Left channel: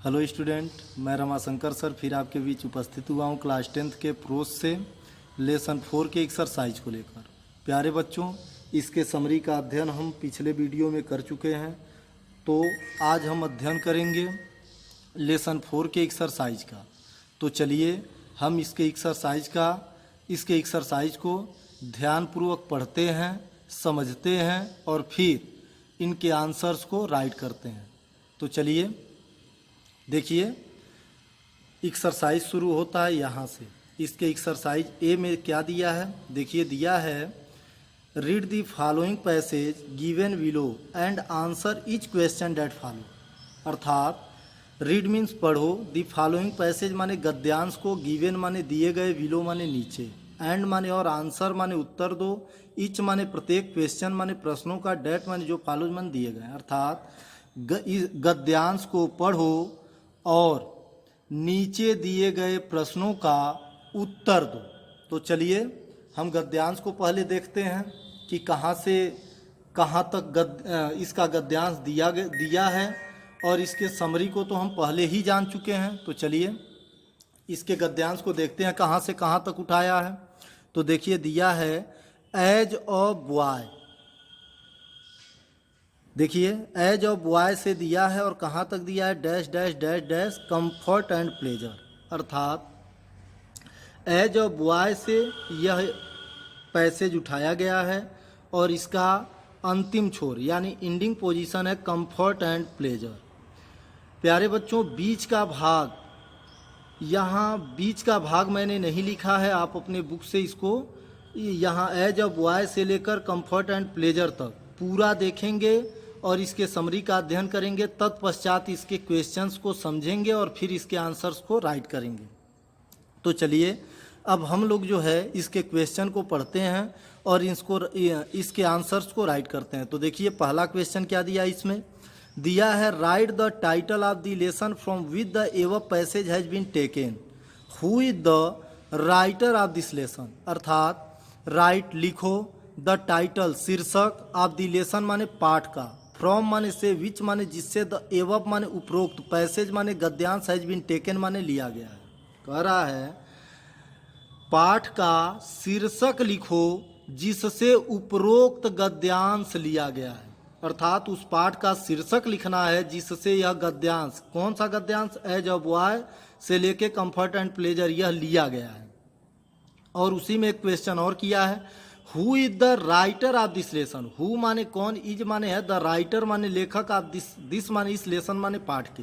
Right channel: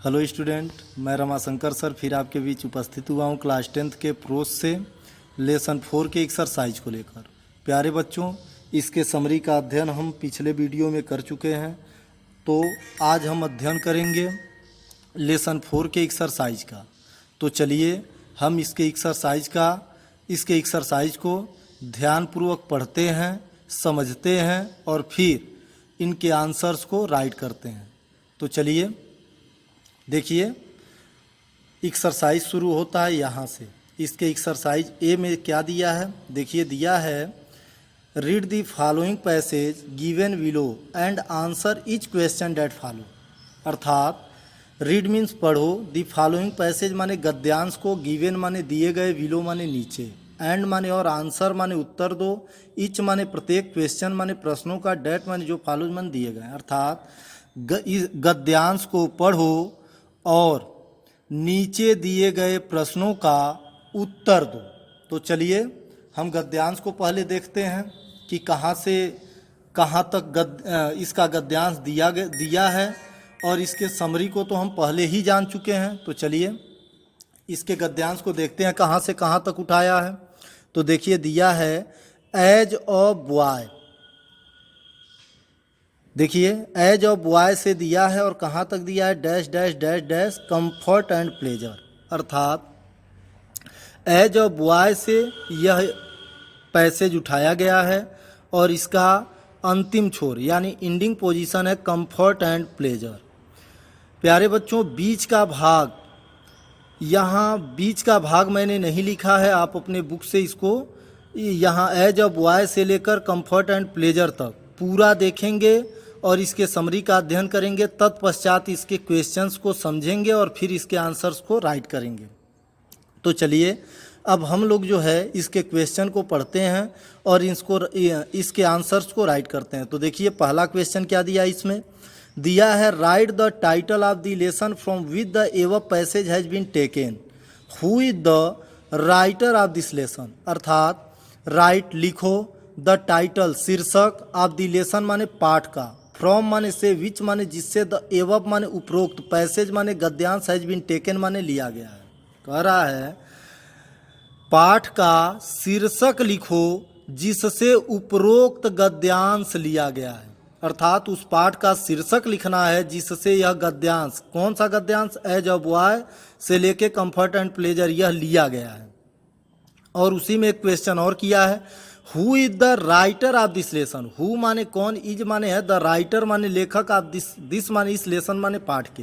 Hello student, मैं Ramashankar sir फिर आपके बीच उपस्थित हुआ हूँ क्लास 10th के प्रोज से लेसन 4 के एक्सरसाइज को लेकर। प्यारे बच्चों, इसके समरी का अध्ययन हम पिछले वीडियो में कर चुके हैं, तो आज हम अध्ययन करेंगे लेसन 4 के एक्सरसाइज का। तो चलिए हम इसके एक्सरसाइज को ध्यानपूर्वक पढ़ते हैं, समझते हैं और फिर इनके आंसर्स को राइट करते हैं। तो चलिए देखिए, एक्सरसाइज शुरू होता है यहाँ से। इसके एक्सरसाइज ए में क्या दिया है, देखिए दिया है read the following passage given below and answer each question that follow. अर्थात रीड मीन्स पढ़ो, द फॉलोइंग पैसेज माने गद्यांश को, गिवन माने दिए गए, बिलो माने नीचे, एंड माने और, आंसर माने उत्तर दो, ईच माने प्रत्येक, क्वेश्चन माने प्रश्नों का, डेट माने जो फॉलो माने दिए गए। अर्थात गद्यांश को पढ़ो और नीचे दिए गए प्रश्नों का उत्तर दो। तो चलिए हम गद्यांश को पहले देखते हैं कि कहाँ से कहाँ तक इसका गद्यांश दिया है, और इसके समरी को तो हम पहले ही जान चुके हैं। तो चलिए इसके गद्यांश को देखते हैं कहाँ से कहाँ तक उठाया है। तो देखिए दिया है एज अ बॉय, देखिए एज ऑफ बॉय से दिया है और कहाँ तक दिया है, dash dash dash dash comfort and pleasure. अर्थात एज ऑफ बॉय से यह पैसेज उठाया गया है और इसका अंतिम छोर यानी एंडिंग पोजीशन है कंफर्ट एंड प्लेजर। प्यारे बच्चों, बीच का भाग, यहाँ बीच का भाग मैंने नहीं लिखा है, आप अपने बुक से इसको यहाँ एज ऑफ बॉय से लेकर कंफर्ट एंड प्लेजर तक पूरा देखेंगे और इसके समरी का अध्ययन करेंगे। तत्पश्चात इसके क्वेश्चंस को समझेंगे और फिर इसके आंसर्स को राइट करेंगे। तो चलिए अब हम लोग जो है इसके क्वेश्चन को पढ़ते हैं और इसके आंसर्स को राइट करते हैं। तो देखिए पहला क्वेश्चन क्या दिया है, इसमें दिया है write the title of the lesson from which the above passage has been taken, who is the writer of this lesson. अर्थात राइट लिखो द टाइटल शीर्षक, ऑफ द लेसन माने पाठ का, फ्रॉम माने से, विच माने जिससे, द एवब माने उपरोक्त, पैसेज माने गद्यांश, हैज बीन टेकन माने लिया गया है। कह रहा है पाठ का शीर्षक लिखो जिससे उपरोक्त गद्यांश लिया गया है। अर्थात उस पाठ का शीर्षक लिखना है जिससे यह गद्यांश, कौन सा गद्यांश, एज ऑफ बॉय से लेके कंफर्ट एंड प्लेजर, यह लिया गया है। और उसी में एक क्वेश्चन और किया है, who is the writer of this lesson. Who माने कौन, इज माने है, द राइटर माने लेखक, ऑफ दिस माने इस लेसन माने पाठ के,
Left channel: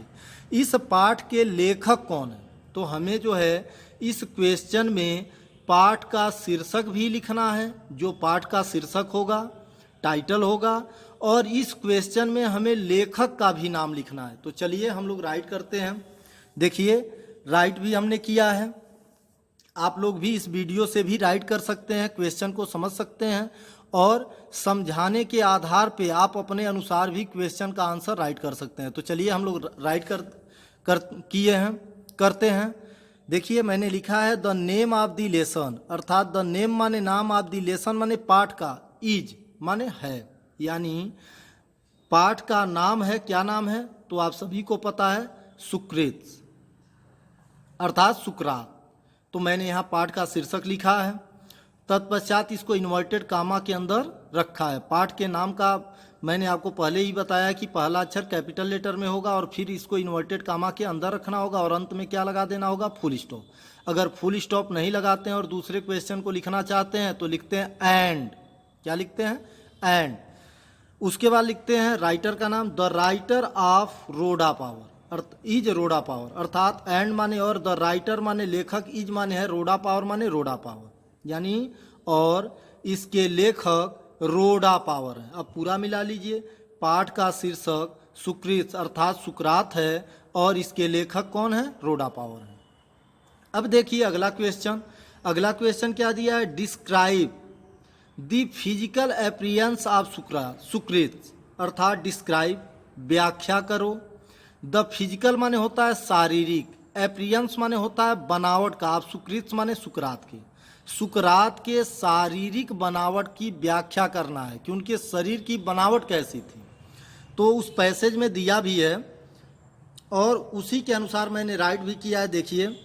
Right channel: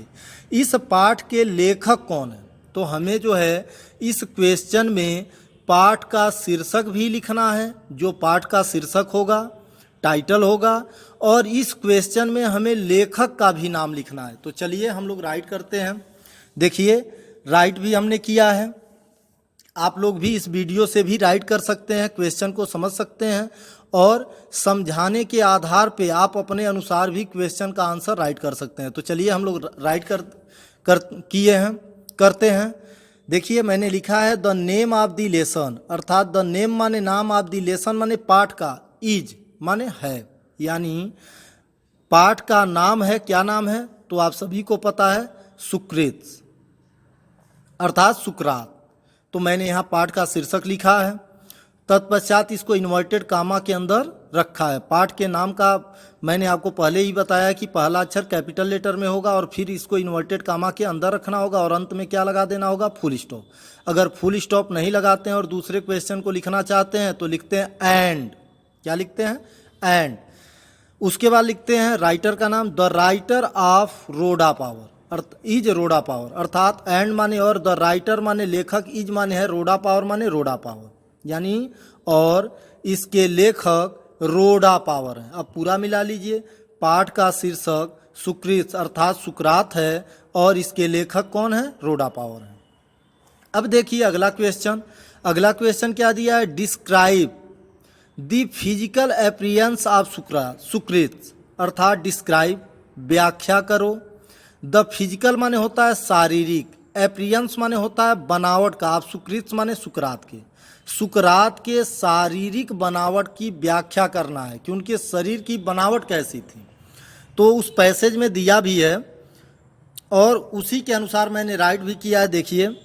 इस पाठ के लेखक कौन है। तो हमें जो है इस क्वेश्चन में पाठ का शीर्षक भी लिखना है, जो पाठ का शीर्षक होगा, टाइटल होगा, और इस क्वेश्चन में हमें लेखक का भी नाम लिखना है। तो चलिए हम लोग राइट करते हैं। देखिए राइट भी हमने किया है, आप लोग भी इस वीडियो से भी राइट कर सकते हैं, क्वेश्चन को समझ सकते हैं और समझाने के आधार पे आप अपने अनुसार भी क्वेश्चन का आंसर राइट कर सकते हैं। तो चलिए हम लोग राइट करते हैं। देखिए मैंने लिखा है the name of the lesson, अर्थात द नेम माने नाम, ऑफ द लेसन माने पाठ का, इज माने है, यानी पाठ का नाम है। क्या नाम है, तो आप सभी को पता है, सुकृत, अर्थात सुकरात। तो मैंने यहाँ पाठ का शीर्षक लिखा है, तत्पश्चात इसको इन्वर्टेड कामा के अंदर रखा है। पाठ के नाम का मैंने आपको पहले ही बताया कि पहला अक्षर कैपिटल लेटर में होगा और फिर इसको इन्वर्टेड कामा के अंदर रखना होगा और अंत में क्या लगा देना होगा, फुल स्टॉप। अगर फुल स्टॉप नहीं लगाते हैं और दूसरे क्वेश्चन को लिखना चाहते हैं तो लिखते हैं एंड। क्या लिखते हैं, एंड। उसके बाद लिखते हैं राइटर का नाम, the writer of Rodan power, is Rodan power. अर्थात एंड माने और, द राइटर माने लेखक, इज माने है, रोडा पावर माने रोडा पावर, यानी और इसके लेखक रोडा पावर है। अब पूरा मिला लीजिए, पाठ का शीर्षक सुकृत अर्थात सुकरात है और इसके लेखक कौन है, रोडा पावर है। अब देखिए अगला क्वेश्चन क्या दिया है, describe the physical appearance of Socrates. अर्थात डिस्क्राइब व्याख्या करो, द फिजिकल माने होता है शारीरिक, अपीयरेंस माने होता है बनावट का, आप सुकृत माने सुकरात के शारीरिक बनावट की व्याख्या करना है कि उनके शरीर की बनावट कैसी थी। तो उस पैसेज में दिया भी है और उसी के अनुसार मैंने राइट भी किया है। देखिए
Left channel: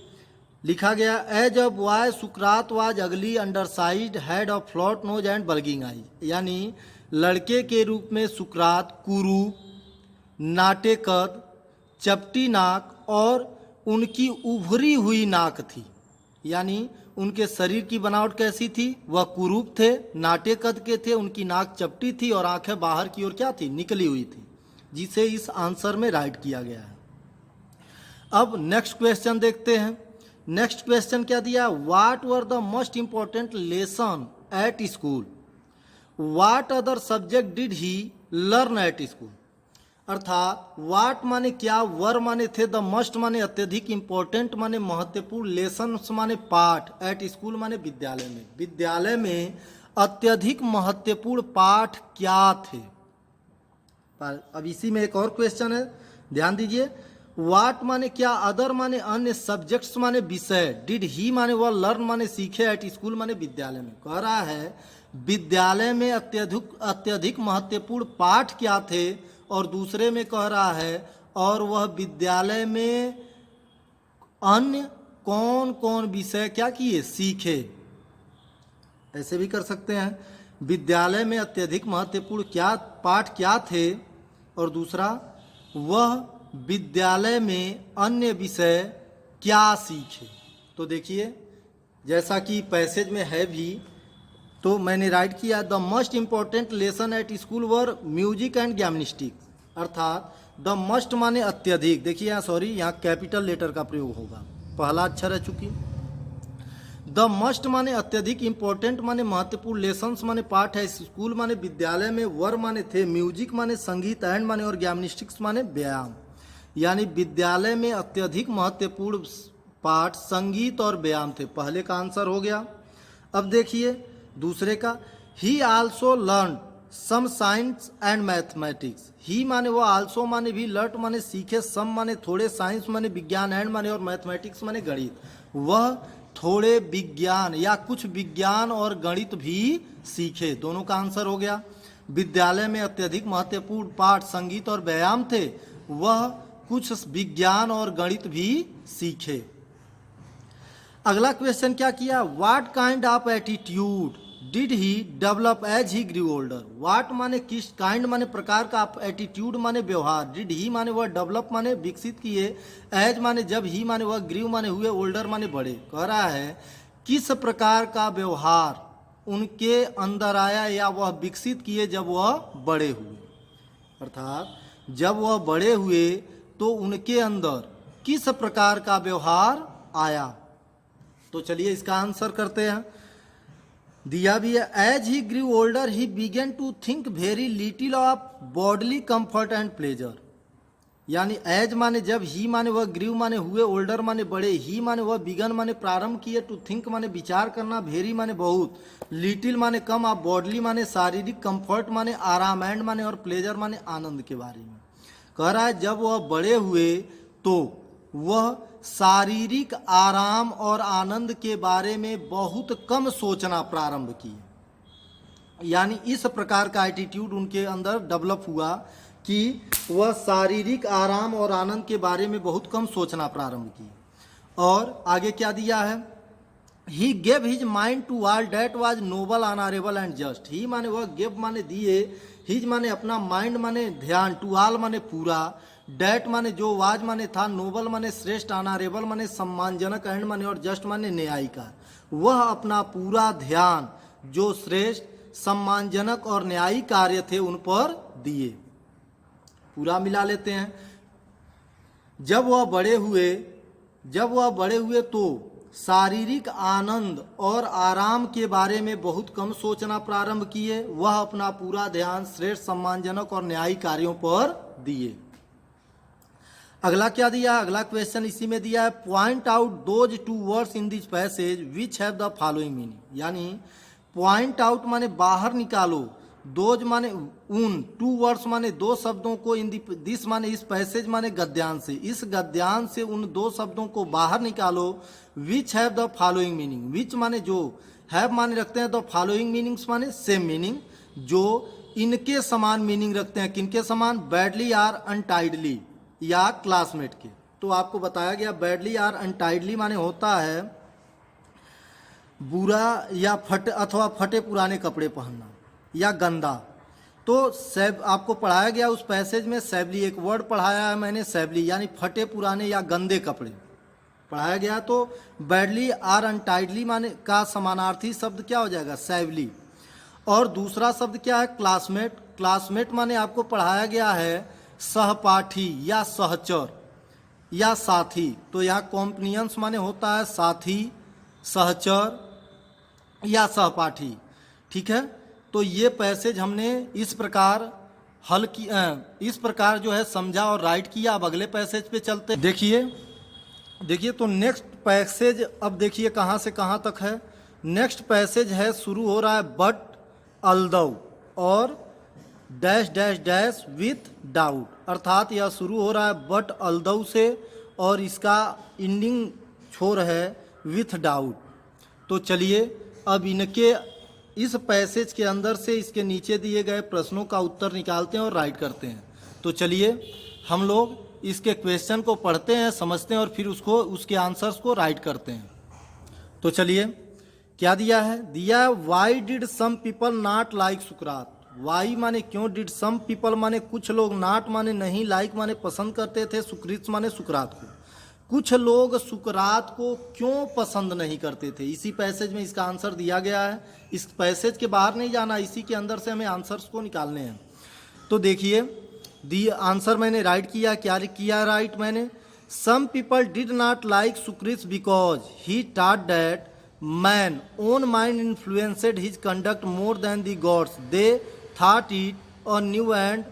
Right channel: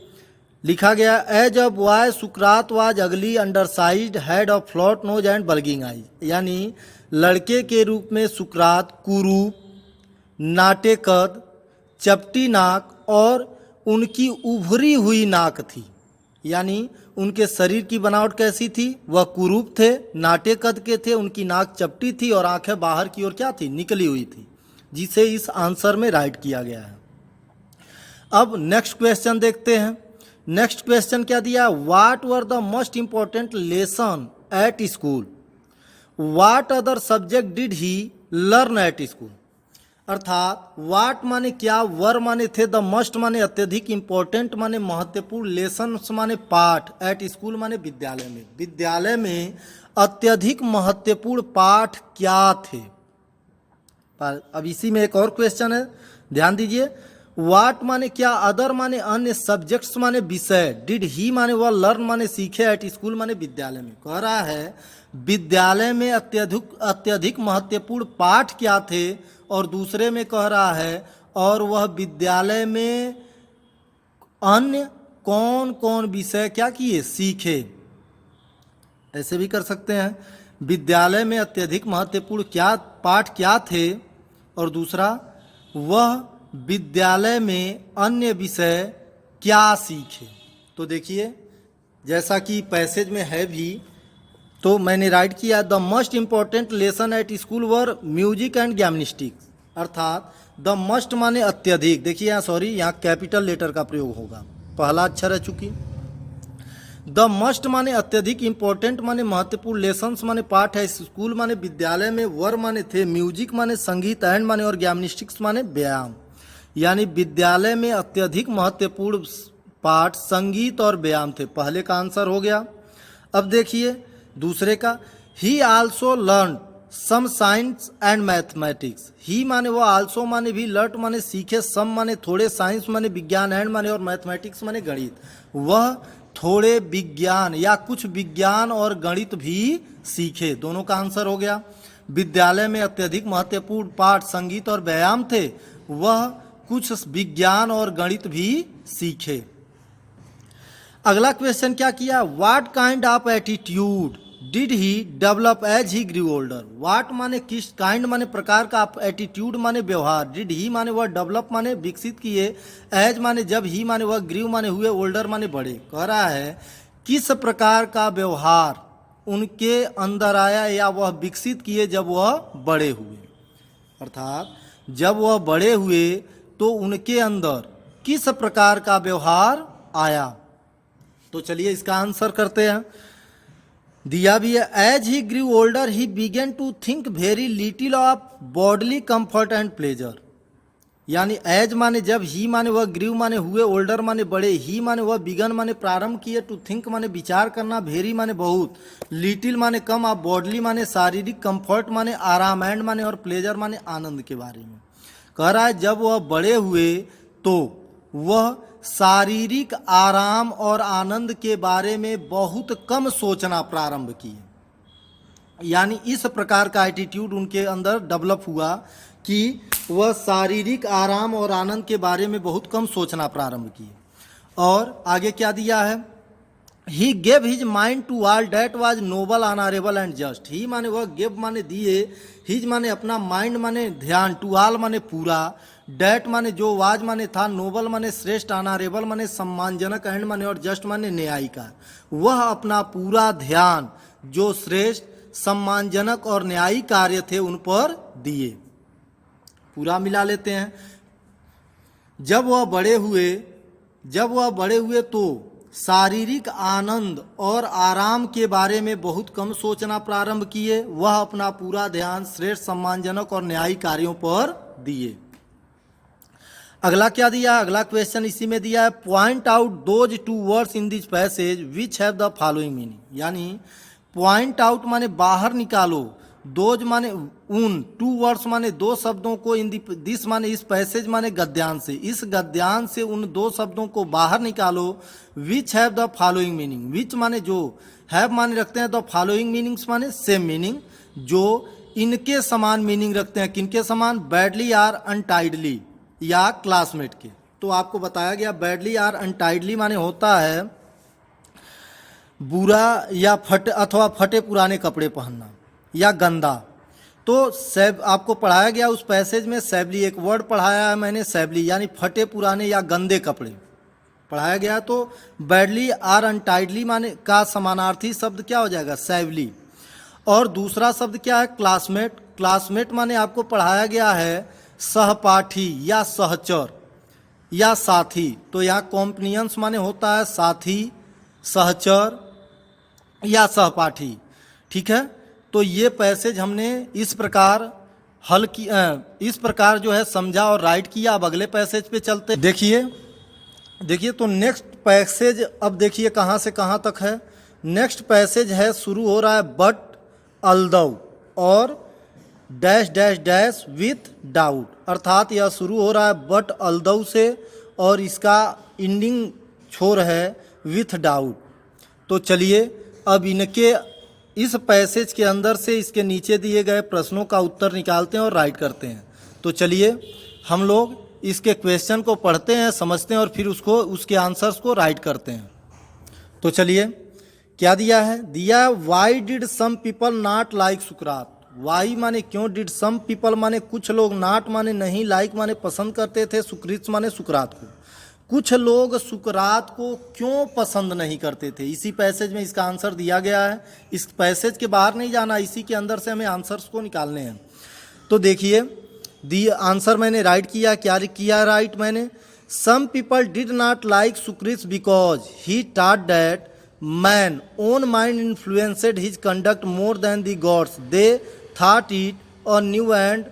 लिखा गया, as a boy Socrates was ugly undersized head of flat nose and bulging eyes, यानी लड़के के रूप में सुकरात कुरूप, नाटे कद, चपटी नाक और उनकी उभरी हुई नाक थी। यानी उनके शरीर की बनावट कैसी थी, वह कुरूप थे, नाटे कद के थे, उनकी नाक चपटी थी और आंखें बाहर की ओर क्या थी, निकली हुई थी, जिसे इस आंसर में राइट किया गया है। अब नेक्स्ट क्वेश्चन देखते हैं। नेक्स्ट क्वेश्चन क्या दिया, what were the most important lesson at school, what other subject did he learn at school. अर्थात वाट माने क्या, वर माने थे, द मस्ट माने अत्यधिक, इंपॉर्टेंट माने महत्वपूर्ण, लेसन माने पाठ, एट स्कूल माने विद्यालय में। विद्यालय में अत्यधिक महत्वपूर्ण पाठ क्या थे। अब इसी में एक और क्वेश्चन है, ध्यान दीजिए। वाट माने क्या, अदर माने अन्य, सब्जेक्ट्स माने विषय, डिड ही माने वह, लर्न माने सीखे, एट स्कूल माने विद्यालय में। कह रहा है विद्यालय में अत्यधिक महत्वपूर्ण पाठ क्या थे, और दूसरे में कह रहा है और वह विद्यालय में अन्य कौन कौन विषय क्या किए, सीखे। ऐसे भी कर सकते हैं, विद्यालय में अत्यधिक महत्वपूर्ण क्या पाठ क्या थे, और दूसरा वह विद्यालय में अन्य विषय क्या सीखे। तो देखिए जैसा कि पैसेज में है भी, तो मैंने राइट किया, the most important lesson at school were music and gymnastics. अर्थात द मस्ट माने अत्यधिक, देखिए यहाँ सॉरी यहाँ कैपिटल लेटर का प्रयोग होगा, पहला अक्षर है चूंकि। द मस्ट माने अत्यधिक, इंपॉर्टेंट माने महत्वपूर्ण, लेसन्स माने पाठ है, स्कूल माने विद्यालय में, वर माने थे, म्यूजिक माने संगीत, एंड माने और जिम्नास्टिक्स माने व्यायाम। यानी विद्यालय में अत्यधिक महत्वपूर्ण पाठ संगीत और व्यायाम थे, पहले का आंसर हो गया। अब देखिए दूसरे का, he also learn some science and mathematics. He माने वो, आल्सो माने भी, लर्ट माने सीखे, सम माने थोड़े, साइंस माने विज्ञान, एंड माने और मैथमेटिक्स माने गणित। वह थोड़े विज्ञान या कुछ विज्ञान और गणित भी सीखे, दोनों का आंसर हो गया। विद्यालय में अत्यधिक महत्वपूर्ण पाठ संगीत और व्यायाम थे, वह कुछ विज्ञान और गणित भी सीखे। अगला क्वेश्चन क्या किया, what kind of attitude did he develop as he grew older. What माने किस, काइंड माने प्रकार का, एटीट्यूड माने व्यवहार, डिड ही माने वह, डेवलप माने विकसित किए, एज माने जब, ही माने वह, ग्रू माने हुए, ओल्डर माने बड़े। कह रहा है किस प्रकार का व्यवहार उनके अंदर आया या वह विकसित किए जब वह बड़े हुए। अर्थात जब वह बड़े हुए तो उनके अंदर किस प्रकार का व्यवहार आया। तो चलिए इसका आंसर करते हैं, दिया भी है, as he grew older he began to think very little of bodily comfort and pleasure. यानी एज माने जब, ही माने वह, ग्रू माने हुए, ओल्डर माने बड़े, ही माने वह, बिगन माने प्रारंभ किए, टू थिंक माने विचार करना, वेरी माने बहुत, लिटिल माने कम, ऑफ बॉडली माने शारीरिक, कंफर्ट माने आराम, एंड माने और प्लेजर माने आनंद के बारे में। कह रहा है जब वह बड़े हुए तो वह शारीरिक आराम और आनंद के बारे में बहुत कम सोचना प्रारंभ किए। यानी इस प्रकार का एटीट्यूड उनके अंदर डेवलप हुआ कि वह शारीरिक आराम और आनंद के बारे में बहुत कम सोचना प्रारंभ किए। और आगे क्या दिया है, he gave his mind to all that was noble, honourable and just. He माने वह, गेव माने दिए, हिज माने अपना, माइंड माने ध्यान, टू ऑल माने पूरा, डेट माने जो, वाज माने था, नोबल माने श्रेष्ठ, ऑनरेबल माने सम्मानजनक, एंड माने और जस्ट माने न्यायी का। वह अपना पूरा ध्यान जो श्रेष्ठ, सम्मानजनक और न्यायी कार्य थे उन पर दिए। पूरा मिला लेते हैं, जब वह बड़े हुए तो शारीरिक आनंद और आराम के बारे में बहुत कम सोचना प्रारंभ किए, वह अपना पूरा ध्यान श्रेष्ठ, सम्मानजनक और न्यायी कार्यों पर दिए। अगला क्या दिया, अगला क्वेश्चन इसी में दिया है, point out those two words in this passage which have the following meaning. यानी पॉइंट आउट माने बाहर निकालो, दोज माने उन, टू वर्ड्स माने दो शब्दों को, इन दिस माने इस पैसेज माने गद्यांश से, इस गद्यांश से उन दो शब्दों को बाहर निकालो, which have the following meaning. Which माने जो, हैव माने रखते हैं द फॉलोइंग मीनिंग्स माने सेम मीनिंग, जो इनके समान मीनिंग रखते हैं। किनके समान, बैडली आर अनटाइडली, या क्लासमेट के। तो आपको बताया गया बैडली और अनटाइडली माने होता है बुरा या फटे पुराने कपड़े पहनना या गंदा। तो आपको पढ़ाया गया उस पैसेज में सैबली, एक वर्ड पढ़ाया है मैंने सैबली, यानी फटे पुराने या गंदे कपड़े पढ़ाया गया। तो बैडली और अनटाइडली माने का समानार्थी शब्द क्या हो जाएगा? सैबली। और दूसरा शब्द क्या है? क्लासमेट। क्लासमेट माने आपको पढ़ाया गया है सहपाठी या सहचर या साथी। तो यहाँ कॉम्पनियंस माने होता है साथी, सहचर या सहपाठी। ठीक है, तो ये पैसेज हमने इस प्रकार हल की, इस प्रकार जो है समझा और राइट किया। अब अगले पैसेज पे चलते। देखिए तो नेक्स्ट पैसेज अब देखिए कहाँ से कहाँ तक है। नेक्स्ट पैसेज है, शुरू हो रहा है बट अल्दौ और dash dash dash with doubt, अर्थात यह शुरू हो रहा है बट अल्दौ से और इसका एंडिंग छोर है विथ डाउट। तो चलिए अब इनके इस पैसेज के अंदर से इसके नीचे दिए गए प्रश्नों का उत्तर निकालते हैं और राइट करते हैं। तो चलिए हम लोग इसके क्वेश्चन को पढ़ते हैं, समझते हैं और फिर उसके आंसर्स को राइट करते हैं। तो चलिए क्या दिया है? दिया why did some people not like Sukrat. Why माने क्यों, डिड सम पीपल माने कुछ लोग, नॉट माने नहीं, लाइक माने पसंद करते थे, सुकृत माने सुकरात को। कुछ लोग सुकरात को क्यों पसंद नहीं करते थे? इसी पैसेज में इसका आंसर दिया गया है। इस पैसेज के बाहर नहीं जाना, इसी के अंदर से हमें आंसर्स को निकालने हैं। तो देखिए दी आंसर मैंने राइट किया। क्या किया राइट मैंने? Some people did not like Socrates because he taught that man own mind influenced his conduct more than the gods, they thought it a new and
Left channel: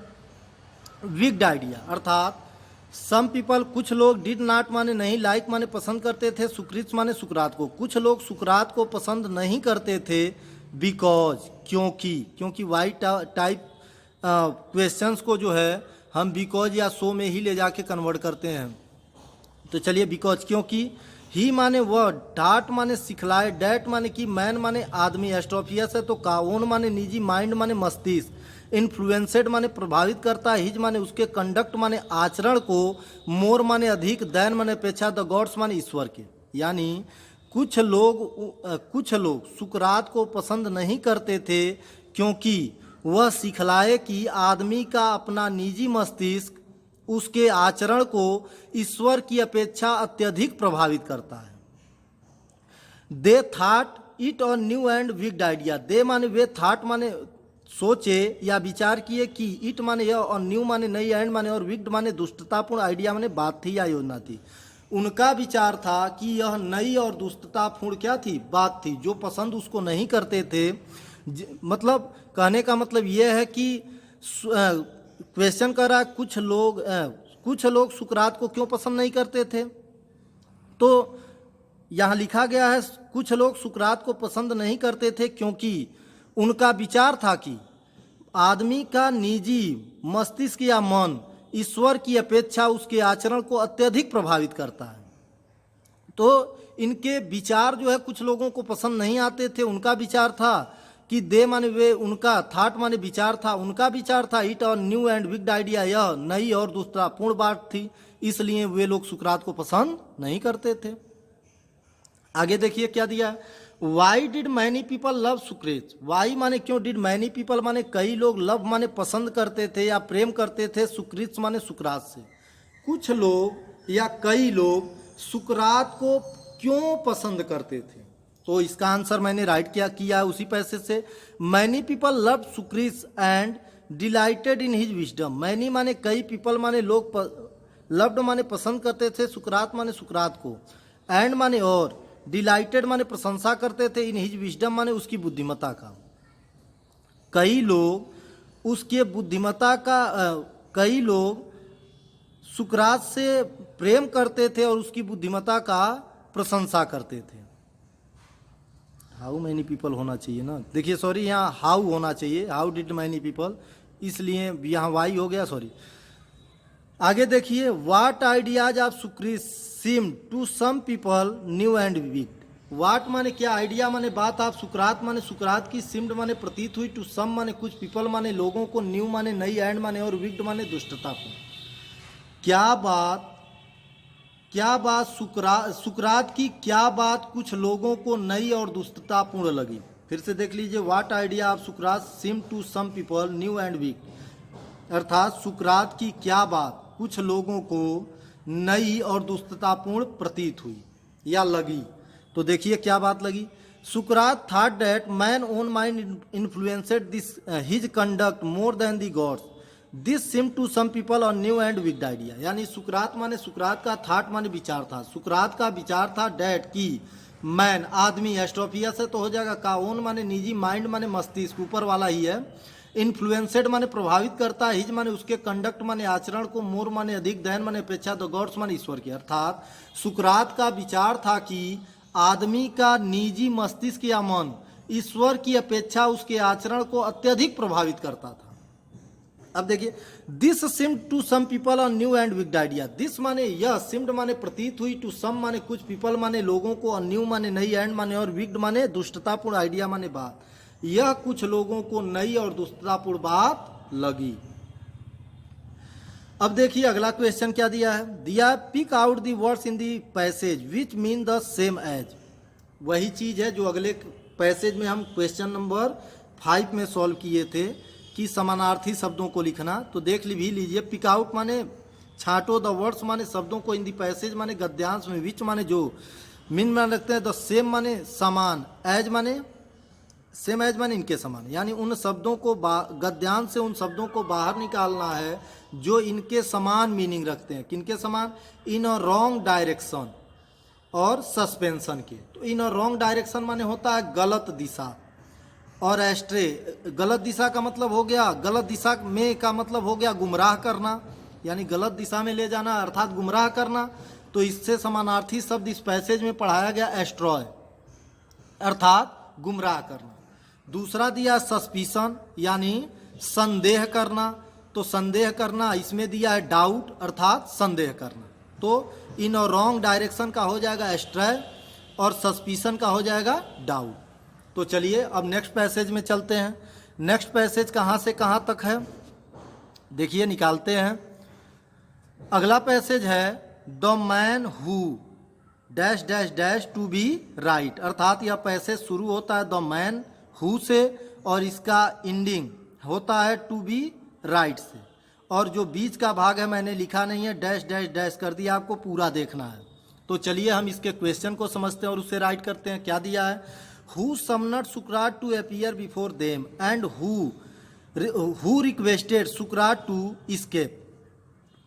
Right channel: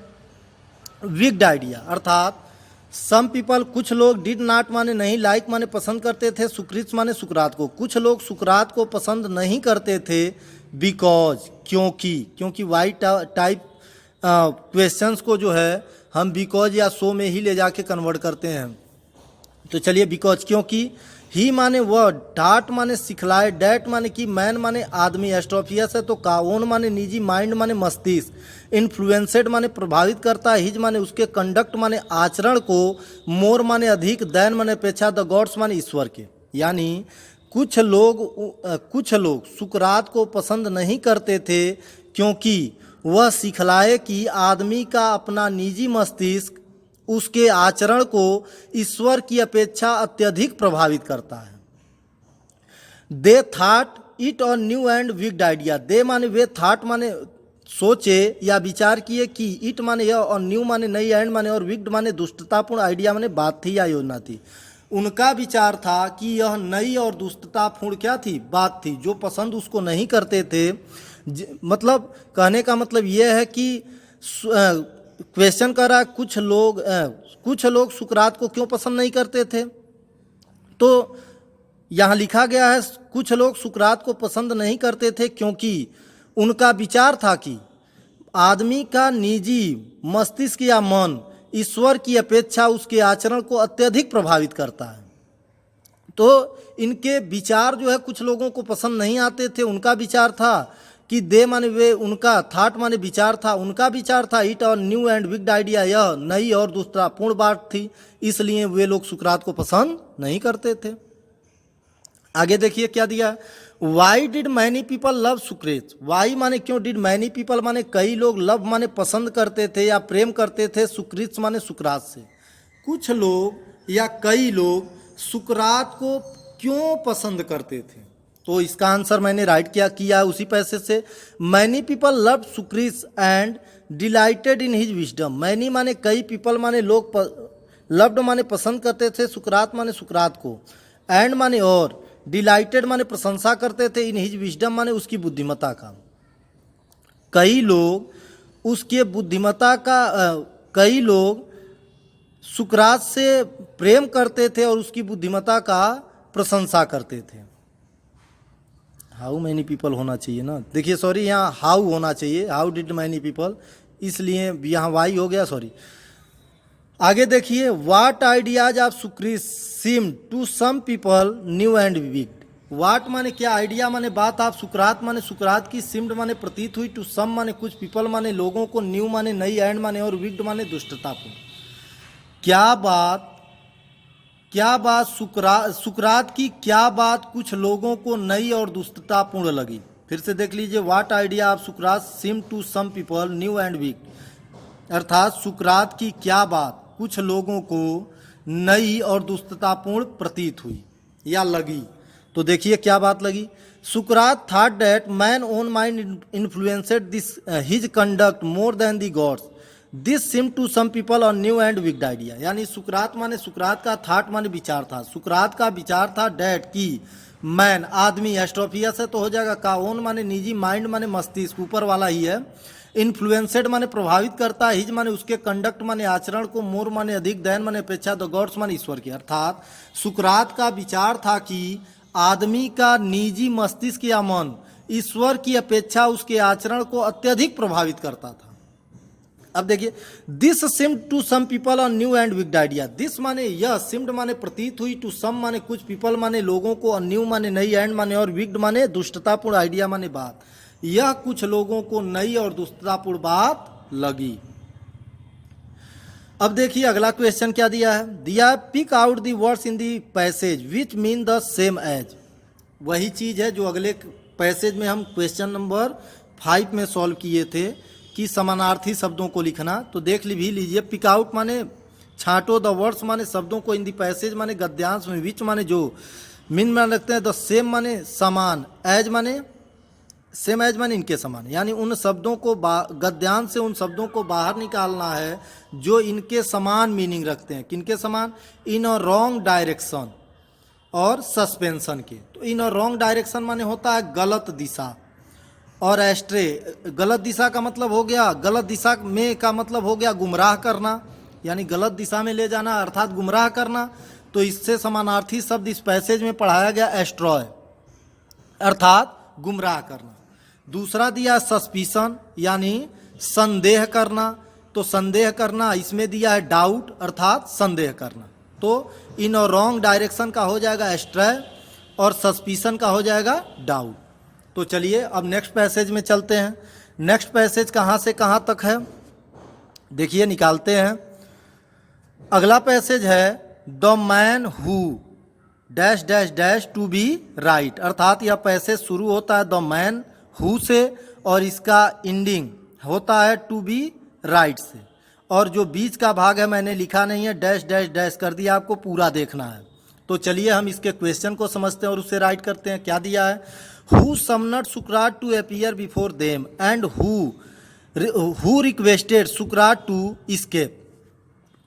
wicked idea. अर्थात some people कुछ लोग, did not माने नहीं, like माने पसंद करते थे, सुक्रित माने सुकरात को। कुछ लोग सुकरात को पसंद नहीं करते थे बिकॉज क्योंकि वाई टाइप क्वेश्चंस को जो है हम बिकॉज या सो में ही ले जाके कन्वर्ट करते हैं। तो चलिए बिकॉज क्योंकि, ही माने वर्ड, डाट माने सिखलाए, डैट माने कि, मैन माने आदमी, एस्ट्रोफियस है तो का, ओन माने निजी, माइंड माने मस्तिष्क, इन्फ्लुएंसेड माने प्रभावित करता है, हिज माने उसके, कंडक्ट माने आचरण को, मोर माने अधिक, दैन माने अपेक्षा, द गॉड्स माने ईश्वर के। यानी कुछ लोग सुकरात को पसंद नहीं करते थे क्योंकि वह सिखलाए कि आदमी का अपना निजी मस्तिष्क उसके आचरण को ईश्वर की अपेक्षा अत्यधिक प्रभावित करता है। दे थॉट इट और न्यू एंड विक्ड आइडिया। दे माने वे, थॉट माने सोचे या विचार किए कि, इट माने यह और न्यू माने नई, एंड माने और विक्ड माने दुष्टतापूर्ण, आइडिया माने बात थी या योजना थी। उनका विचार था कि यह नई और दुष्टतापूर्ण क्या थी? बात थी, जो पसंद उसको नहीं करते थे। मतलब कहने का मतलब यह है कि क्वेश्चन कर रहा है कुछ लोग सुकरात को क्यों पसंद नहीं करते थे। तो यहाँ लिखा गया है कुछ लोग सुकरात को पसंद नहीं करते थे क्योंकि उनका विचार था कि आदमी का निजी मस्तिष्क या मन ईश्वर की अपेक्षा उसके आचरण को अत्यधिक प्रभावित करता है। तो इनके विचार जो है कुछ लोगों को पसंद नहीं आते थे। उनका विचार था कि दे माने वे, उनका थॉट माने विचार था, उनका विचार था इट और न्यू एंड विक्ड आइडिया, यह नई और दुष्टतापूर्ण बात थी, इसलिए वे लोग सुकरात को पसंद नहीं करते थे। आगे देखिए क्या दिया, why did many people love Socrates. Why माने क्यों, डिड मैनी पीपल माने कई लोग, लव माने पसंद करते थे या प्रेम करते थे, सुक्रित माने सुकरात से। कुछ लोग या कई लोग सुकरात को क्यों पसंद करते थे? तो इसका आंसर मैंने राइट किया उसी पैसेज से। Many people love Socrates and delighted in his wisdom. Many माने कई, पीपल माने लोग, लव्ड माने पसंद करते थे, सुकरात माने सुकरात को, एंड माने और, डिलाइटेड माने प्रशंसा करते थे, इन हिज विजडम माने उसकी बुद्धिमत्ता का। कई लोग उसके बुद्धिमत्ता का, कई लोग सुकरात से प्रेम करते थे और उसकी बुद्धिमत्ता का प्रशंसा करते थे। हाउ मैनी पीपल होना चाहिए ना, देखिए सॉरी यहाँ हाउ होना चाहिए, हाउ डिड मैनी पीपल, इसलिए यहाँ वाई हो गया, सॉरी। आगे देखिए, what ideas of Socrates seem to some people new and wicked. What माने क्या, आइडिया माने बात, आप सुकरात माने सुकरात की, सिम्ड माने प्रतीत हुई, टू सम माने कुछ, पीपल माने लोगों को, न्यू माने नई, एंड माने और विक्ड माने दुष्टतापूर्ण। क्या बात सुकरात की क्या बात कुछ लोगों को नई और दुष्टतापूर्ण लगी। फिर से देख लीजिए, what idea of Sukrat seem to some people new and weak, अर्थात सुकरात की क्या बात कुछ लोगों को नई और दुष्टतापूर्ण प्रतीत हुई या लगी। तो देखिए क्या बात लगी। Socrates thought that man own mind influenced this his conduct more than the gods, this seem to some people और न्यू एंड विक्ड आइडिया। यानी सुकरात का थाट माने विचार था, सुकरात का विचार था डैट की मैन आदमी, एस्ट्रोफिया से तो हो जाएगा, का ओन माने निजी, माइंड माने मस्तिष्क ऊपर वाला ही है, इन्फ्लुएंसेड माने प्रभावित करता है, हिज माने उसके कंडक्ट माने आचरण को, मोर माने अधिक, दैन माने अपेक्षा, द गॉड्स माने ईश्वर की। अर्थात सुकरात का विचार था कि आदमी का निजी मस्तिष्क या मन ईश्वर की अपेक्षा उसके आचरण को अत्यधिक प्रभावित करता था। अब देखिए, this seemed to some people on new and wicked idea, this माने यह, सिम्ड माने प्रतीत हुई, टू सम माने कुछ, पीपल माने लोगों को, और न्यू माने नई, एंड माने और, विक्ड माने दुष्टतापूर्ण, आइडिया माने बात, यह कुछ लोगों को नई और दुष्टतापूर्ण बात लगी। अब देखिए अगला क्वेश्चन क्या दिया है, दिया pick out the words in the passage which mean the same as. वही चीज है जो अगले पैसेज में हम क्वेश्चन नंबर 5 में सॉल्व किए थे कि समानार्थी शब्दों को लिखना। तो देख भी लीजिए, पिक आउट माने छांटो, द वर्ड्स माने शब्दों को, इन दी पैसेज माने गद्यांश में, विच माने जो, मीन माने रखते हैं, द सेम माने समान, एज माने सेम एज माने इनके समान, यानी उन शब्दों को गद्यांश से उन शब्दों को बाहर निकालना है जो इनके समान मीनिंग रखते हैं। किनके समान, इन अ रॉन्ग डायरेक्शन और सस्पेंशन के। तो इन अ रॉन्ग डायरेक्शन माने होता है गलत दिशा, और एस्ट्रे गलत दिशा का मतलब हो गया, गलत दिशा में का मतलब हो गया गुमराह करना, यानी गलत दिशा में ले जाना अर्थात गुमराह करना। तो इससे समानार्थी शब्द इस पैसेज में पढ़ाया गया एस्ट्रॉय, अर्थात गुमराह करना। दूसरा दिया सस्पिशन, यानी संदेह करना। तो संदेह करना इसमें दिया है डाउट, अर्थात संदेह करना। तो इन और रॉन्ग डायरेक्शन का हो जाएगा एस्ट्रॉय और सस्पिशन का हो जाएगा डाउट। तो चलिए अब नेक्स्ट पैसेज में चलते हैं। नेक्स्ट पैसेज कहाँ से कहाँ तक है, देखिए निकालते हैं। अगला पैसेज है the man who dash dash dash to be right, अर्थात यह पैसेज शुरू होता है द मैन हु से और इसका एंडिंग होता है टू बी राइट से, और जो बीच का भाग है मैंने लिखा नहीं है, डैश डैश डैश कर दिया, आपको पूरा देखना है। तो चलिए हम इसके क्वेश्चन को समझते हैं और उसे राइट करते हैं। क्या दिया है, who summoned Sukrat to appear before them and who requested Sukrat to escape.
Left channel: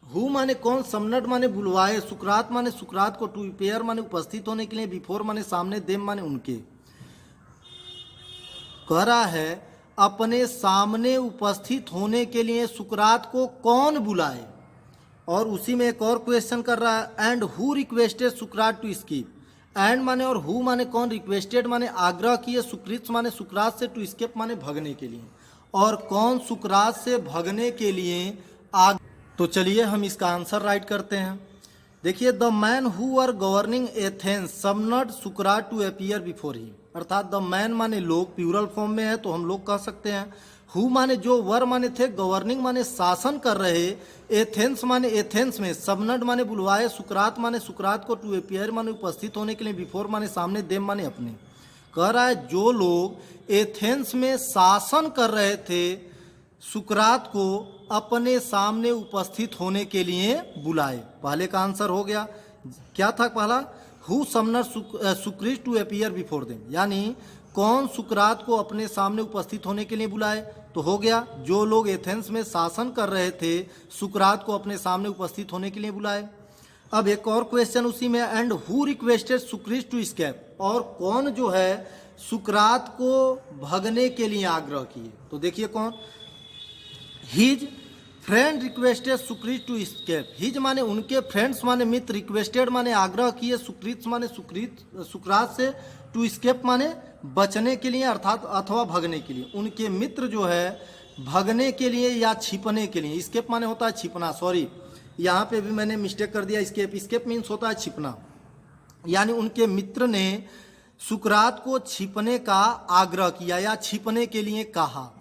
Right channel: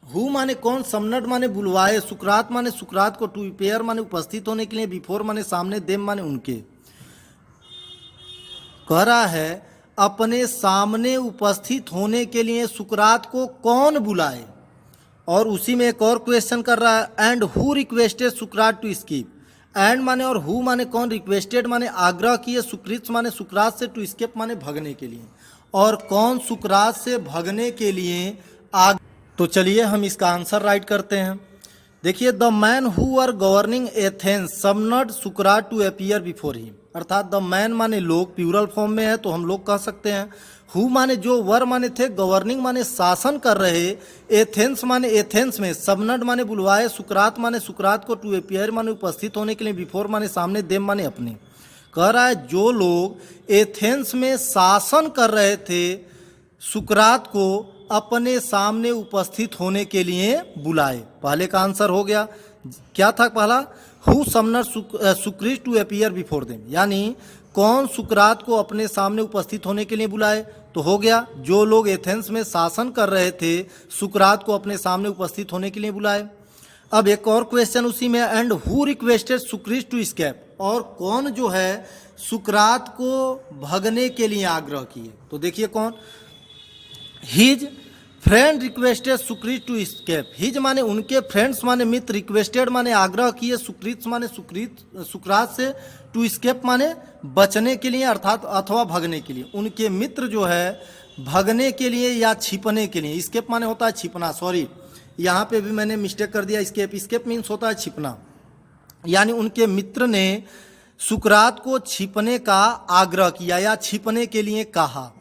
Who माने कौन, समनड माने बुलवाए, सुकरात माने सुकरात को, टू अपीयर माने उपस्थित होने के लिए, बिफोर माने सामने, देम माने उनके। कह रहा है अपने सामने उपस्थित होने के लिए सुकरात को कौन बुलाए, और उसी में एक और क्वेश्चन कर रहा है and who requested Sukrat to escape. And माने और हु माने कौन, रिक्वेस्टेड माने आग्रह किए, सुकृत माने सुकरात से, टू एस्केप माने भगने के लिए, और कौन सुकरात से भगने के लिए तो चलिए हम इसका आंसर राइट करते हैं। देखिए, the man who are governing Athens summoned Sukrat to appear before him, अर्थात द मैन माने लोग, प्लूरल फॉर्म में है तो हम लोग कह सकते हैं। हु माने जो, वर माने थे, गवर्निंग माने शासन कर रहे, एथेंस माने एथेंस में, सबनड माने बुलवाए, सुकरात माने सुकरात को, टू अपीयर माने उपस्थित होने के लिए, बिफोर माने सामने, देम माने अपने। कह रहा है जो लोग एथेंस में शासन कर रहे थे सुकरात को अपने सामने उपस्थित होने के लिए बुलाए। पहले का आंसर हो गया, क्या था पहला, who summoned Socrates to appear before them, यानी कौन सुकरात को अपने सामने उपस्थित होने के लिए बुलाए। तो हो गया जो लोग एथेंस में शासन कर रहे थे सुकरात को अपने सामने उपस्थित होने के लिए बुलाए। अब एक और क्वेश्चन उसी में, and who requested Socrates to escape, और कौन जो है सुकरात को भगने के लिए आग्रह किए। तो देखिए कौन, his friend requested Socrates to escape. His माने उनके, फ्रेंड्स माने मित्र, रिक्वेस्टेड माने आग्रह किए, सुक्रित माने सुकरात से, टू एस्केप माने बचने के लिए अर्थात अथवा भगने के लिए। उनके मित्र जो है भगने के लिए या छिपने के लिए, एस्केप माने होता है छिपना, सॉरी यहाँ पे भी मैंने मिस्टेक कर दिया, एस्केप मीन्स होता है छिपना, यानी उनके मित्र ने सुकरात को छिपने का आग्रह किया या छिपने के लिए कहा।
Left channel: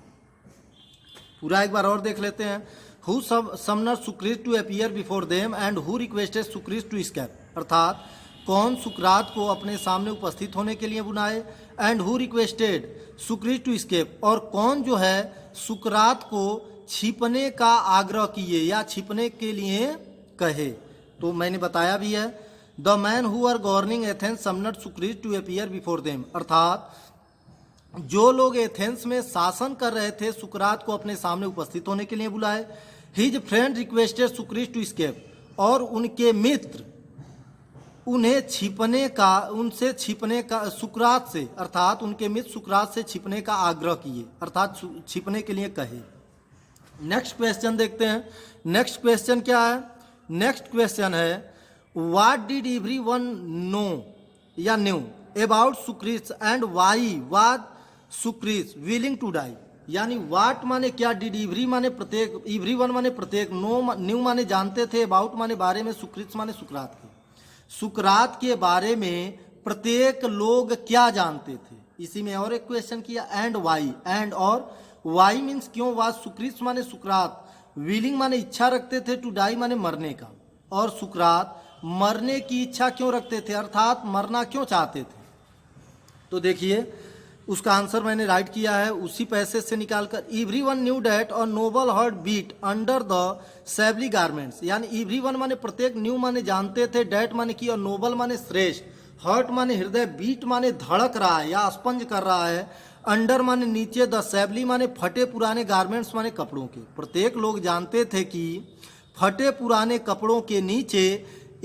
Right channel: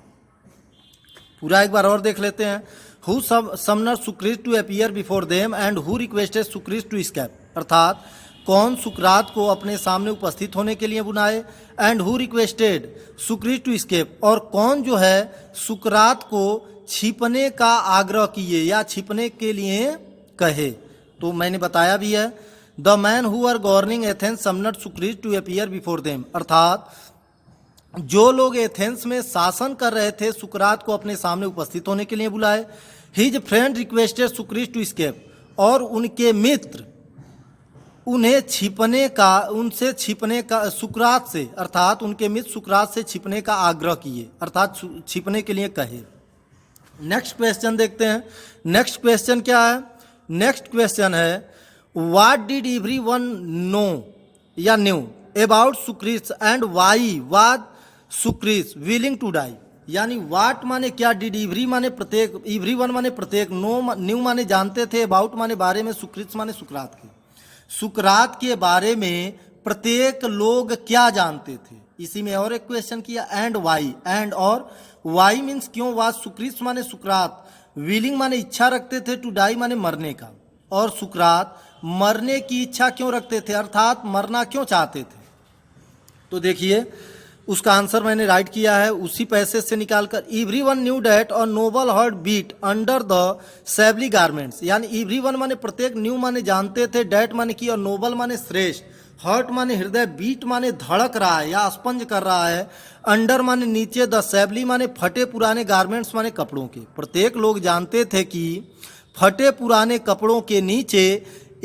पूरा एक बार और देख लेते हैं। Who summoned Socrates to appear before them and who requested Socrates to escape, अर्थात कौन सुकरात को अपने सामने उपस्थित होने के लिए बुलाए, and who requested Socrates to escape, और कौन जो है सुकरात को छिपने का आग्रह किए या छिपने के लिए कहे। तो मैंने बताया भी है, the man who are governing Athens summoned Socrates to appear before them, अर्थात जो लोग एथेंस में शासन कर रहे थे सुकरात को अपने सामने उपस्थित होने के लिए बुलाए। His friend requested Socrates to escape, और उनके मित्र उन्हें उनसे छिपने का सुकरात से, अर्थात उनके मित्र सुकरात से छिपने का आग्रह किए, अर्थात छिपने के लिए कहे। नेक्स्ट क्वेश्चन देखते हैं। नेक्स्ट क्वेश्चन क्या है? नेक्स्ट क्वेश्चन है व्हाट डिड एवरीवन नो या new about Socrates and why was Socrates willing to die, यानी वाट माने क्या, डिड एवरी माने प्रत्येक, एवरीवन माने प्रत्येक, नो न्यू माने जानते थे, अबाउट माने बारे में, सुक्रीत माने सुकरात के, सुकरात के बारे में प्रत्येक लोग क्या जानते थे। इसी में और एक क्वेश्चन किया, एंड वाई, एंड और वाई मीन्स क्यों, वाज सुक्रीत माने सुकरात, विलिंग माने इच्छा रखते थे, टू डाई माने मरने का, और सुकरात मरने की इच्छा क्यों रखते थे, अर्थात मरना क्यों चाहते थे। तो देखिए उसका आंसर मैंने राइट किया है उसी पैसेज से निकालकर, एवरीवन न्यू डैट और noble heart beat under the shabby garments, यानी एवरीवन माने प्रत्येक, न्यू माने जानते थे, डैट माने की, और नोबल माने श्रेष्ठ, हार्ट माने हृदय, बीट माने धड़क रहा है या स्पंज कर रहा है, अंडर माने नीचे, द सेवली माने फटे पुराने, गारमेंट्स माने कपड़ों के। प्रत्येक लोग जानते थे कि फटे पुराने कपड़ों के नीचे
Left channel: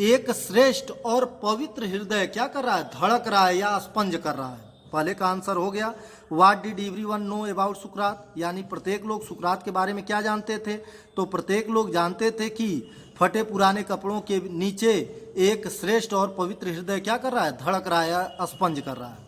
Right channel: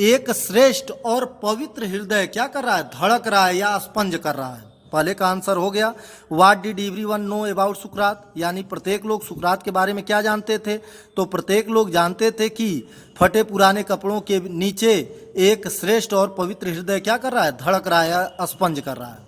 एक श्रेष्ठ और पवित्र हृदय क्या कर रहा है, धड़क रहा है या स्पंज कर रहा है। पहले का आंसर हो गया what did everyone know about सुकरात, यानी प्रत्येक लोग सुकरात के बारे में क्या जानते थे, तो प्रत्येक लोग जानते थे कि फटे पुराने कपड़ों के नीचे एक श्रेष्ठ और पवित्र हृदय क्या कर रहा है, धड़क रहा है या स्पंज कर रहा है।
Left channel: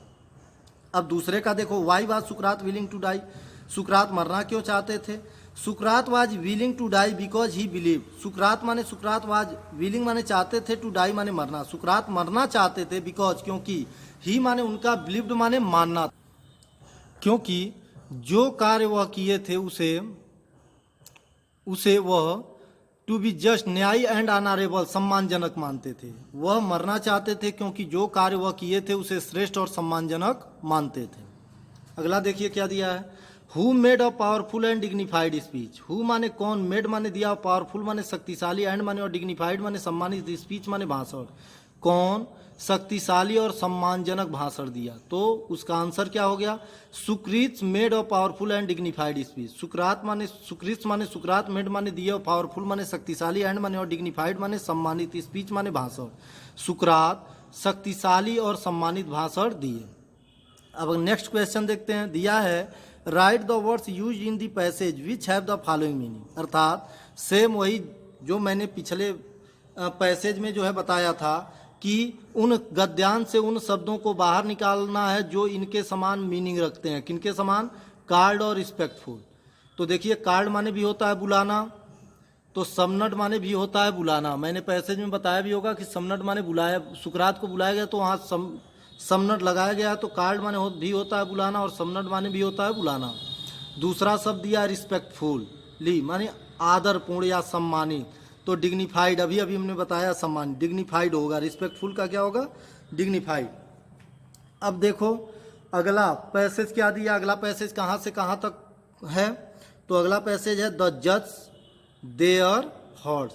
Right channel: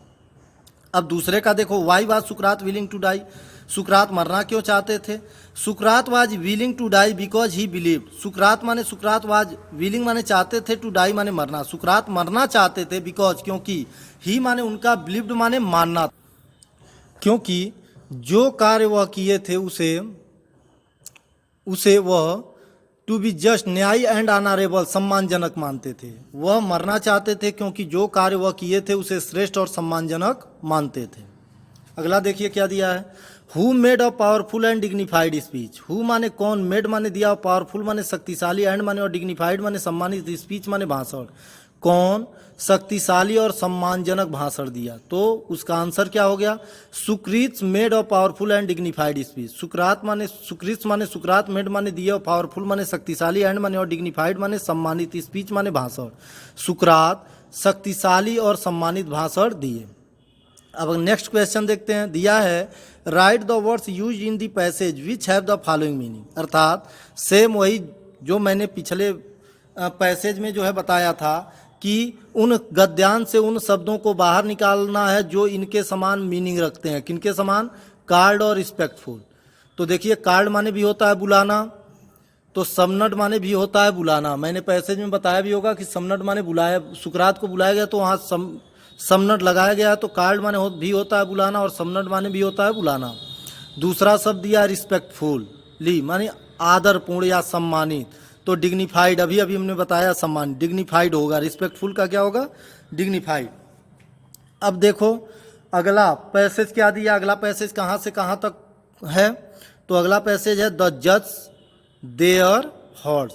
अब दूसरे का देखो, why was Sukrat willing to die, Sukrat मरना क्यों चाहते थे। Sukrat was willing to die because he believed, Sukrat माने सुकरात वाज विलिंग माने चाहते थे, टू डाई माने मरना, सुकरात मरना चाहते थे, बिकॉज क्योंकि, ही माने उनका, बिलीव्ड माने मानना, क्योंकि जो कार्य वह किए थे उसे वह टू बी जस्ट, न्यायी एंड ऑनरेबल, सम्मानजनक मानते थे। वह मरना चाहते थे क्योंकि जो कार्य वह किए थे उसे श्रेष्ठ और सम्मानजनक मानते थे। अगला देखिए क्या दिया है, who made a powerful and dignified speech, who माने कौन, मेड माने दिया, पावरफुल माने शक्तिशाली, एंड माने और डिग्निफाइड माने सम्मानित, स्पीच माने भाषण, कौन शक्तिशाली और सम्मानजनक भाषण दिया। तो उसका आंसर क्या हो गया, Socrates made a powerful and dignified speech, सुकरात माने सुक्रीत माने सुकरात, मेड माने दिया, पावरफुल माने शक्तिशाली, एंड माने और डिग्निफाइड माने सम्मानित, स्पीच माने भाषण, सुकरात शक्तिशाली और सम्मानित भाषण दिए। अब नेक्स्ट क्वेश्चन देखते हैं, दिया है write the words use in the passage which have the following meaning, अर्थात सेम वही जो मैंने पिछले पैसेज में जो है बताया था कि उन गद्यांश से उन शब्दों को बाहर निकालना है जो इनके समान मीनिंग रखते हैं। किनके समान, कार्ड और रिस्पेक्टफुल। तो देखिए कार्ड माने भी होता है बुलाना, तो समनट माने भी होता है बुलाना। मैंने पैसेज में बताया भी होगा कि समनट माने बुलाया, सुकरात को बुलाया गया तो वहाँ समनट लगाया गया, तो कार्ड माने भी होता है बुलाना और समनट माने भी होता है बुलाना। दूसरा शब्द दिया रिस्पेक्टफुली माने आदरपूर्ण या सम्मानित, तो डिग्निफाइड अभी हमने बताया सम्मान, डिग्निफाइड होगा, रिस्पेक्टफुल का क्या होगा, डिग्निफाइड। अब देखो अगला पैसेज क्या दिया, अगला पैसेज कहाँ से कहाँ तक है, तो अगला पैसेज है द जज देयर हॉर्स,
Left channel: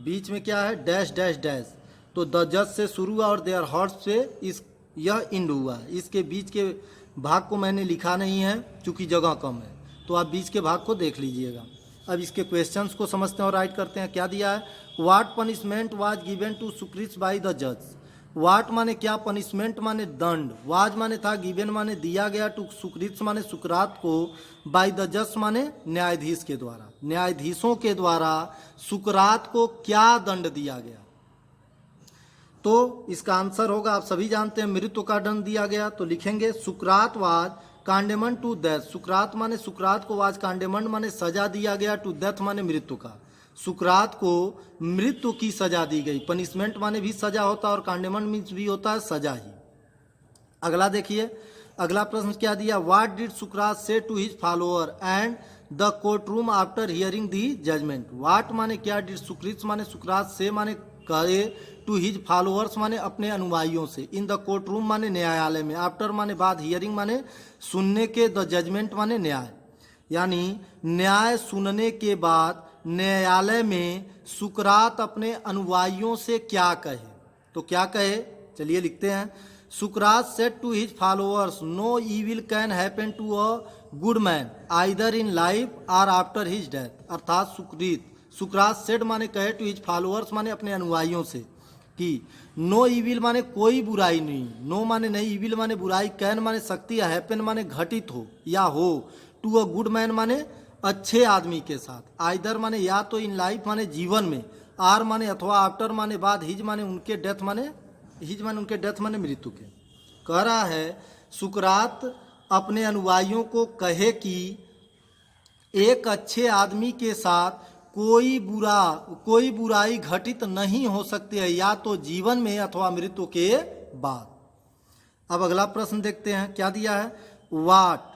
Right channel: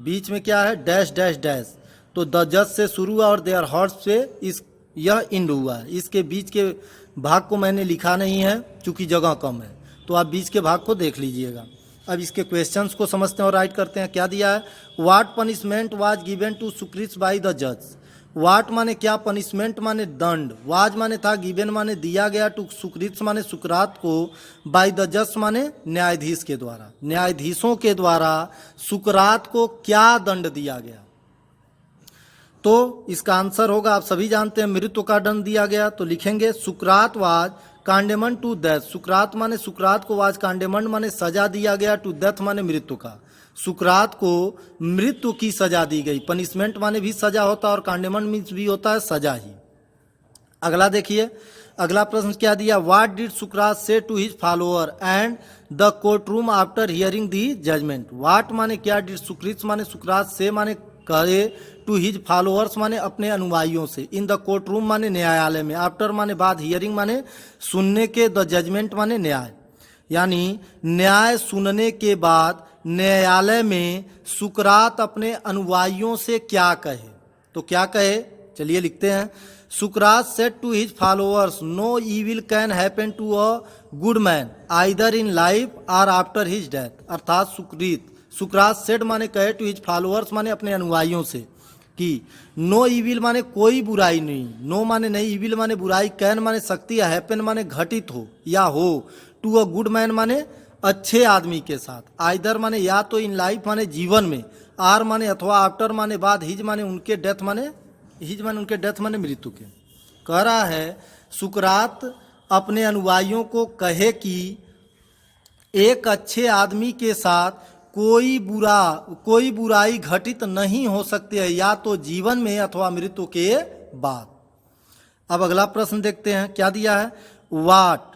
बीच में क्या है, डैश डैश डैश, तो द जज से शुरू हुआ और देयर हॉर्स से यह इंड हुआ है। इसके बीच के भाग को मैंने लिखा नहीं है क्योंकि जगह कम है, तो आप बीच के भाग को देख लीजिएगा। अब इसके क्वेश्चंस को समझते हैं और राइट करते हैं। क्या दिया है, what punishment was given to Socrates by the जज, व्हाट माने क्या, पनिशमेंट माने दंड, वाज माने था, गिवन माने दिया गया, टू सुक्रीत माने सुकरात को, बाय द जज माने न्यायाधीश के द्वारा, न्यायाधीशों के द्वारा सुकरात को क्या दंड दिया गया। तो इसका आंसर होगा, आप सभी जानते हैं, मृत्यु का दंड दिया गया। तो लिखेंगे सुकरात वाज कांडेमन टू डेथ, सुकरात माने सुकरात को, वाज कांडेमन माने सजा दिया गया, टू डेथ माने मृत्यु का, सुकरात को मृत्यु की सजा दी गई। पनिशमेंट माने भी सजा होता है और कांडेमन मीन्स भी होता है सजा ही। अगला देखिए, अगला प्रश्न क्या दिया, what did Socrates say to his follower and the court room after hearing the judgment. What माने क्या, डिड सुक्रीत माने सुकरात से माने कहे टू हिज फॉलोअर्स माने अपने अनुयायियों से, इन द कोर्ट रूम माने न्यायालय में, आफ्टर माने बाद, हियरिंग माने सुनने के, द जजमेंट माने न्याय, यानी न्याय सुनने के बाद न्यायालय में सुकरात अपने अनुयायियों से क्या कहे। तो क्या कहे, चलिए लिखते हैं। Sukrat said to his followers, no evil can happen to a good man either in life और आफ्टर हिज डेथ। अर्थात सुकरात सेड माने कहे टू हिज फॉलोअर्स माने अपने अनुयायियों से कि नो ईविल माने कोई बुराई नहीं, नो माने नहीं, ईविल माने बुराई, कैन माने शक्ति, हैपन माने घटित हो या हो, टू अ गुड मैन माने अच्छे आदमी के साथ, आइदर माने या तो इन लाइफ माने जीवन में, आर माने अथवा, आफ्टर माने बाद, हिज माने उनके डेथ माने, हिज माने उनके डेथ माने मृत्यु के। कह रहा है सुकरात अपने अनुयायियों को कहे कि एक अच्छे आदमी के साथ कोई बुराई घटित नहीं हो सकती है, या तो जीवन में अथवा मृत्यु के बाद। अब अगला प्रश्न देखते हैं क्या दिया है। वाट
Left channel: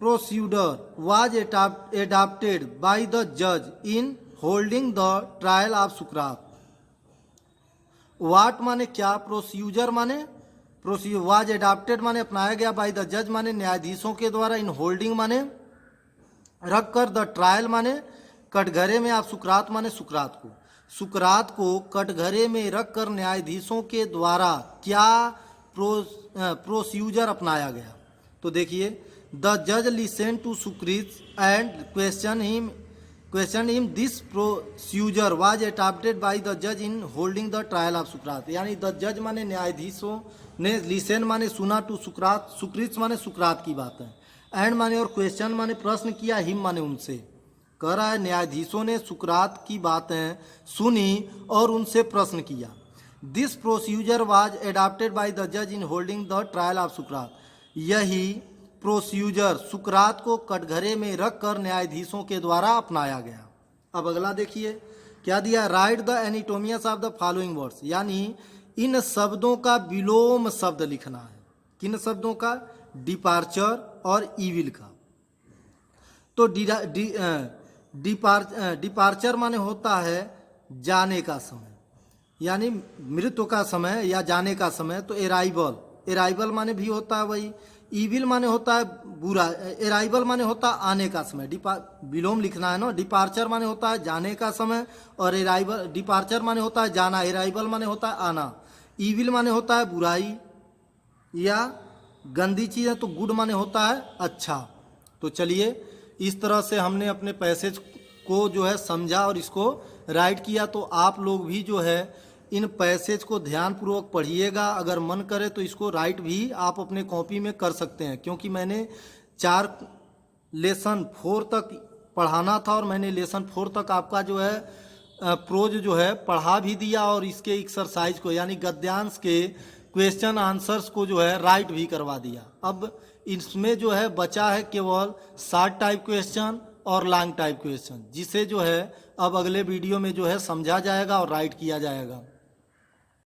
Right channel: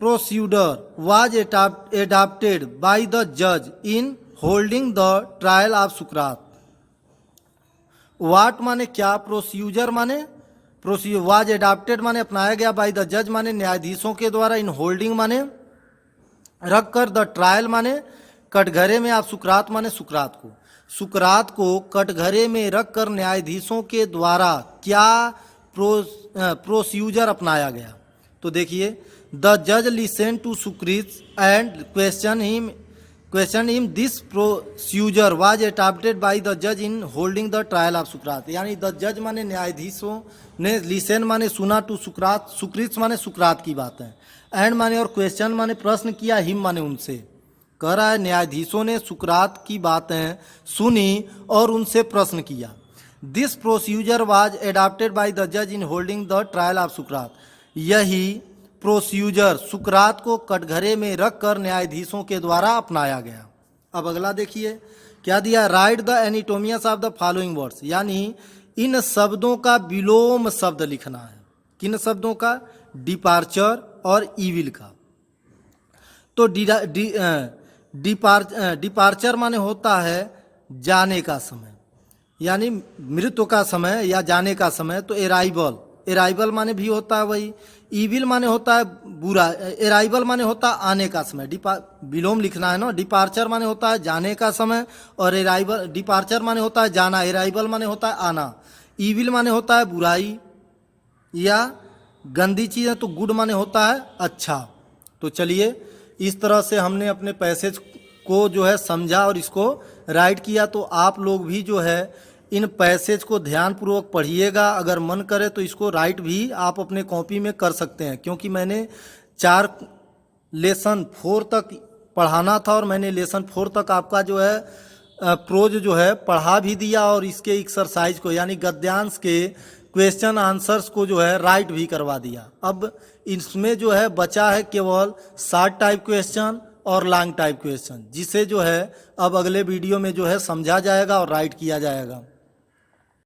procedure was adopted by the judge in holding the trial of सुकरात। वाट माने क्या, प्रोसीजर माने वाज एडाप्टेड माने अपनाया गया, बाय द जज माने न्यायाधीशों के द्वारा, इन होल्डिंग माने रख कर, द ट्रायल माने कटघरे में, आप सुकरात माने सुकरात को कटघरे में रख कर न्यायाधीशों के द्वारा क्या प्रोसीजर अपनाया गया। तो देखिए, द जज listen to सुक्रीत and question him this procedure was adopted by the जज in holding the trial of सुकरात, यानी द जज माने न्यायाधीशों ने, लिसन माने सुना, टू सुक्रीत माने सुकरात की बात है, एंड माने और क्वेश्चन माने प्रश्न किया, हिम माने उनसे। कह रहा है न्यायाधीशों ने सुकरात की बातें सुनी और उनसे प्रश्न किया। This procedure was adopted by the जज in holding the trial of Socrates, यही प्रोसीजर सुकरात को कटघरे में रखकर न्यायाधीशों के द्वारा अपनाया गया। अब अगला देखिए क्या दिया, write the antonyms of the following words, यानी इन शब्दों का विलोम शब्द लिखना है। किन शब्दों का, डिपार्चर और ईविल का। तो डिपार्चर माने होता है जाने का समय, यानी मृत्यु का समय या जाने का समय। तो एराइवल माने भी होता है वही। ईविल माने होता है बुरा, एराइवल माने होता है आने का समय, विलोम लिखना है ना। डिपार्चर माने होता है जाने का समय, और डिपार्चर माने होता है जाना, एराइवल माने होता है आना। ईविल माने होता है बुराई या गंदी चीज़ है, तो गुड माने होता है अच्छा। तो चलिए, इस तरह से हमने अपने पैसेज को जो है समझा और इसको राइट किया। तो आप लोग भी जो है इन पैसेज को ध्यानपूर्वक पढ़िएगा, अगर मन करे तो इसको राइट भी आप अपने कॉपी में कर सकते हैं, क्योंकि मैंने 4 लेसन 4 तक पढ़ाना था और मैंने लेसन 4 तक आपका जो है प्रोज जो है पढ़ा भी दिया, और इसके एक्सरसाइज को यानी गद्यांश के क्वेश्चन आंसर्स को जो है राइट भी करवा दिया। अब इसमें जो है बचा है केवल शॉर्ट टाइप क्वेश्चन और लॉन्ग टाइप क्वेश्चन, जिसे जो है अब अगले वीडियो में जो है समझा जाएगा और राइट किया जाएगा।